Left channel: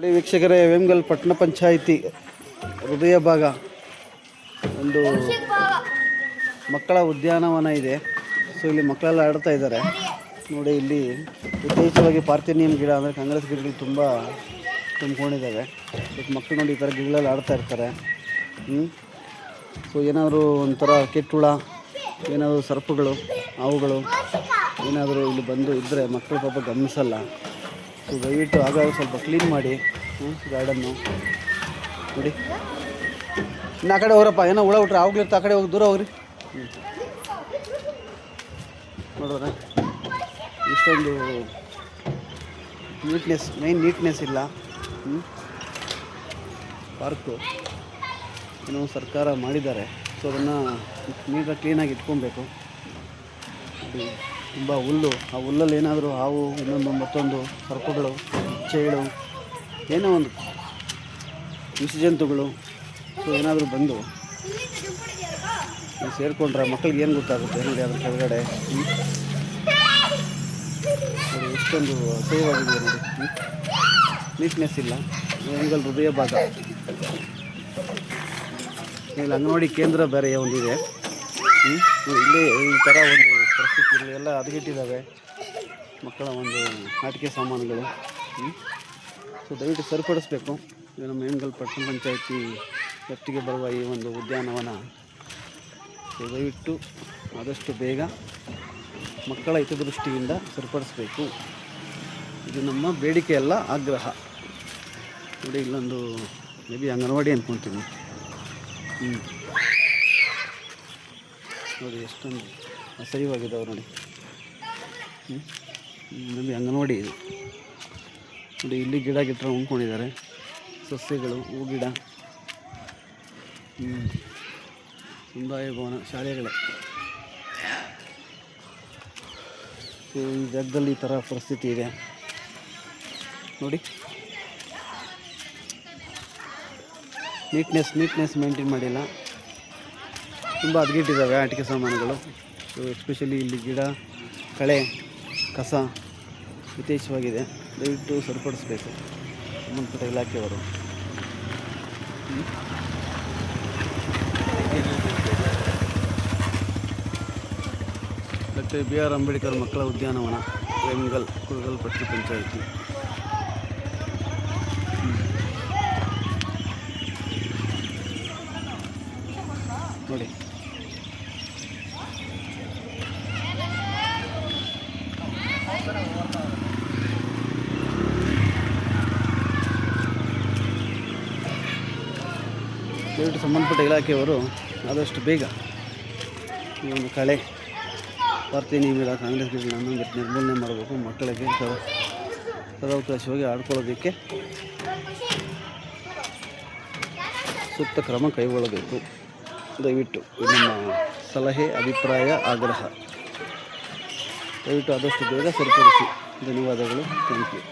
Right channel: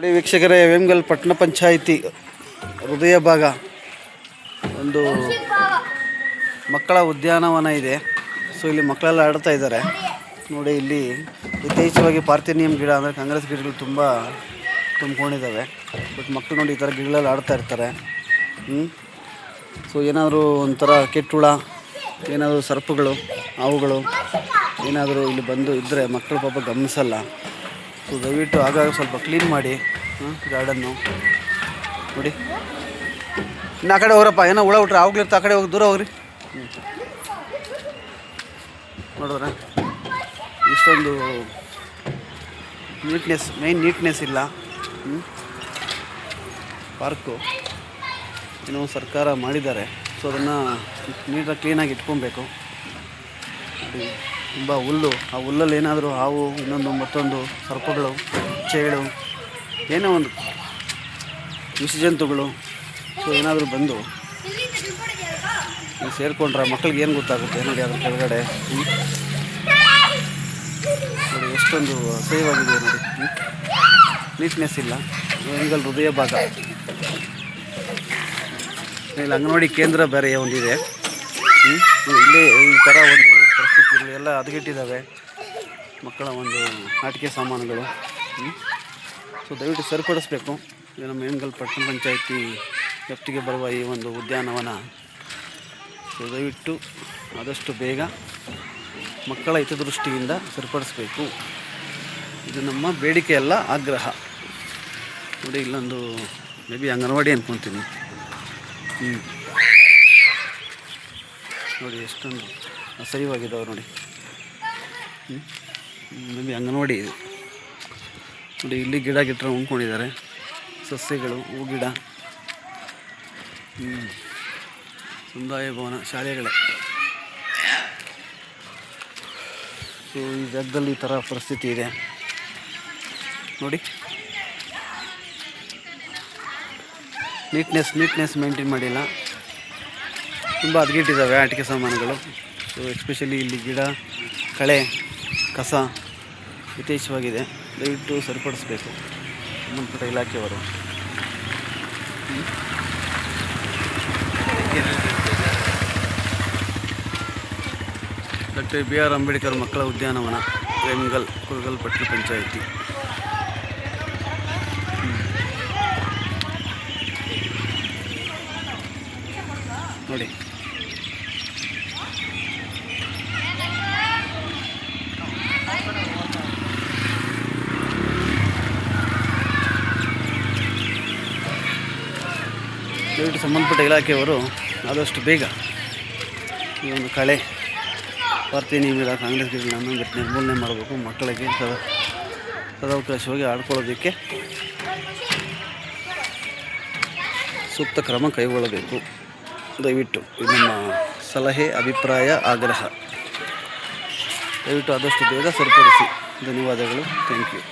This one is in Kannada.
ನೋಡಿ ವೀಕ್ಷಕರೇ, ವೇಮಗಲ್ ಪಟ್ಟಣ ಪಂಚಾಯಿತಿ ಹೃದಯ ಭಾಗ ಒಂದು ಮಕ್ಕಳ ಉದ್ಯಾನವನ ಇದೆ. ಸೊ ಇಲ್ಲಿ ಮಕ್ಕಳೆಲ್ಲ ಆಡ್ತಾ ಇದ್ದಾರೆ ನೋಡಿ. ಇಲ್ಲಿ ಯಥೇಚ್ಛವಾಗಿ ಪಾರ್ಥೇನಿಯಂ ಗಿಡ ಅಂದರೆ ಕಾಂಗ್ರೆಸ್ ಗಿಡಗಳು ತುಂಬ ತುಂಬಿಕೊಂಡಿದ್ದಾವೆ. ಬಟ್ ಮಕ್ಕಳು ನೋಡಿ ಈ ಥರ ಗಿಡಗಳಲ್ಲಿ ಆಡ್ತಾ ಇರ್ತಾರೆ. ಸೊ ಏನಾದರೂ ಒಂಥರ ಕೆಟ್ಟುಳ, ಏನಾದರೂ ಸರ್ಪಗಳು, ಹಾವುಗಳು ಏನಾದರೂ ಇಲ್ಲಿ ಬಂದು ಇದ್ದರೆ ಮಕ್ಕಳು ಪಾಪ ಗಮನಿಸಲ್ಲ. ಸೊ ದಯವಿಟ್ಟು ಆಗಾಗ ಸ್ವಲ್ಪ ಕ್ಲೀನ್ ಮಾಡಿ ಗಾರ್ಡನ್ನು ನೋಡಿ. ಇನ್ನು ಆ ಕಡೆ ಹೋಗ್ರಪ್ಪ, ಏನೋ ಹುಳ ಹುಟ್ರೆ ಆವಾಗ್ಲಿರ್ತ, ಆ ಕಡೆ ಹೋಗಿ ದೂರ ಹೋಗ್ರಿ. ನೋಡಿದ್ರೆ ಇಷ್ಟೊಂದು ನೀಟ್ನೆಸ್ ಇಲ್ಲ ಪಾರ್ಕು. ಏನೋ ಸರ್ಕಾರ ಮಾಡಿದ್ದಾರೆ. ಸೊ ಅದನ್ನು ನೀಟಾಗಿ ಕ್ಲೀನಾಗಿ ಇಟ್ಕೊಬೇಕು. ನೋಡಿ ತುಂಬ ಹುಲ್ಲು, ಆ ಹುಲ್ಲಲ್ಲಿ ಏನಾದರೂ ಹಾವು, ಇನ್ನೊಂದು ಮತ್ತೊಂದು ಸರ್ಪಗಳು, ಚೇಳು, ಏನೋ ಒಂದು ವಿಷಜಂತುಗಳು ಸೊ ಏನಾದರೂ ಬಂದು ಸೇರಿಕೊಂಡ್ರೆ ಮಕ್ಕಳಿಗೆ ಏನು ಗೊತ್ತಾಗುತ್ತೆ ನೋಡಿ. ಅದ್ರ ಕೆಳಗಡೆ ನೋಡಿ ಎಷ್ಟೊಂದು ಅಸಹ್ಯವಾಗಿದೆ ನೋಡಿ. ನೀಟ್ನೆಸ್ ಇಲ್ಲ. ವೇಮಗಲ್ ಹೃದಯ ಭಾಗ. ಇಲ್ಲಿ ಅಂಗನವಾಡಿ ಕೇಂದ್ರ ಬೇರೆ ಒಂದಿದೆ. ಇಲ್ಲೇ ಈ ಥರ ಒಂದು ಪರಿಸ್ಥಿತಿಗಳು ಎಲ್ಲ ಹದಗೆಟ್ಟಿದ್ದಾವೆ. ಮಕ್ಕಳ ಒಂದು ಆಟಿಕೆ ಸಾಮಾನುಗಳು. ಸೊ ದಯವಿಟ್ಟು ಸರಿಪಡಿಸ್ಬೇಕು. ಇದು ನಮ್ಮ ವೇಮಗಲ್ ಪಟ್ಟಣ ಪಂಚಾಯಿತಿ ವ್ಯಾಪ್ತಿಗೆ ಬರುವ ಈ ಒಂದು ಉದ್ಯಾನವನ. ಸೊ ದಯವಿಟ್ಟು ಆದಷ್ಟು ಬೇಗ ಮಕ್ಕಳ ಹಿತದೃಷ್ಟಿಯಿಂದ ಸರಿಪಡಿಸ್ಬೇಕು. ಇದು ನಮ್ಮ ಬೇಡಿಕೆ ಅಲ್ಲ, ಆಗ್ರಹ. ನೋಡಿ ಇಲ್ಲೊಂದು ಮೇ ಬಿ ಅಂಗನವಾಡಿ ಅಂದ್ಕೊತೀನಿ. ನೋಡಿ ಎಷ್ಟೊಂದು ಅಸಹ್ಯವಾಗಿದ್ದಾವೆ ನೋಡಿ. ಮೇ ಬಿ ಅಂಗನವಾಡಿ ಇದು ನೋಡಿ. ಇಲ್ಲಿ ಗಿಡ ಗಿಟ್ರ ಉಣ್ಕೊಂಡಿದ್ದಾರೆ, ಸಸ್ಯಗಳು, ಹೂ ಗಿಡ. ಸಮುದಾಯ ಭವನ, ಶಾಲೆಗಳೇ. ಸೊ ಈ ಜಾಗದಲ್ಲಿ ಈ ಥರ ಪರಿಸ್ಥಿತಿ ಇದೆ ನೋಡಿ. ನೀಟ್ನೆಸ್ ಮೇಂಟೈನ್ ಮಾಡಿಲ್ಲ. ತುಂಬ ಹದಗೆಟ್ಟಿದ್ದಾವೆ ಆಟಿಕೆ ಸಾಮಾನುಗಳು. ಸೊ ಎಸ್ಪೆಷಲಿ ಇಲ್ಲಿ ಗಿಡ, ಕಳೆ, ಕಸ ಯಥೇಚ್ಛವಾಗಿದೆ. ದಯವಿಟ್ಟು ಸರಿಪಡಿಸಬೇಕು ಸಂಬಂಧಪಟ್ಟ ಇಲಾಖೆಯವರು. ಡಾಕ್ಟರ್ BR ಅಂಬೇಡ್ಕರ್ ಮಕ್ಕಳ ಉದ್ಯಾನವನ, ವೇಮಗಲ್ ಕುರುಗಲ್ ಪಟ್ಟಣ ಪಂಚಾಯಿತಿ. ನೋಡಿ ದಯವಿಟ್ಟು ಸಂಬಂಧಪಟ್ಟ ಇಲಾಖೆಯವರು ಆದಷ್ಟು ಬೇಗ ಈ ಒಂದು ಕಳೆ, ಪಾರ್ಥೇನಿಯಂ ಗಿಡ, ಕಾಂಗ್ರೆಸ್ ಗಿಡಗಳನ್ನು ನಿರ್ಮೂಲನೆ ಮಾಡಬೇಕು. ಮಕ್ಕಳಿಗೆ ಸದಾವಕಾಶವಾಗಿ ಆಡ್ಕೊಳ್ಳೋದಕ್ಕೆ ಸೂಕ್ತ ಕ್ರಮ ಕೈಗೊಳ್ಳಬೇಕು. ದಯವಿಟ್ಟು ಇದು ನಮ್ಮ ಸಲಹೆ, ಅಭಿಪ್ರಾಯ, ಆಗ್ರಹ. ದಯವಿಟ್ಟು ಆದಷ್ಟು ಬೇಗ ಸರಿಪಡಿಸಿ. ಧನ್ಯವಾದಗಳು. Thank you.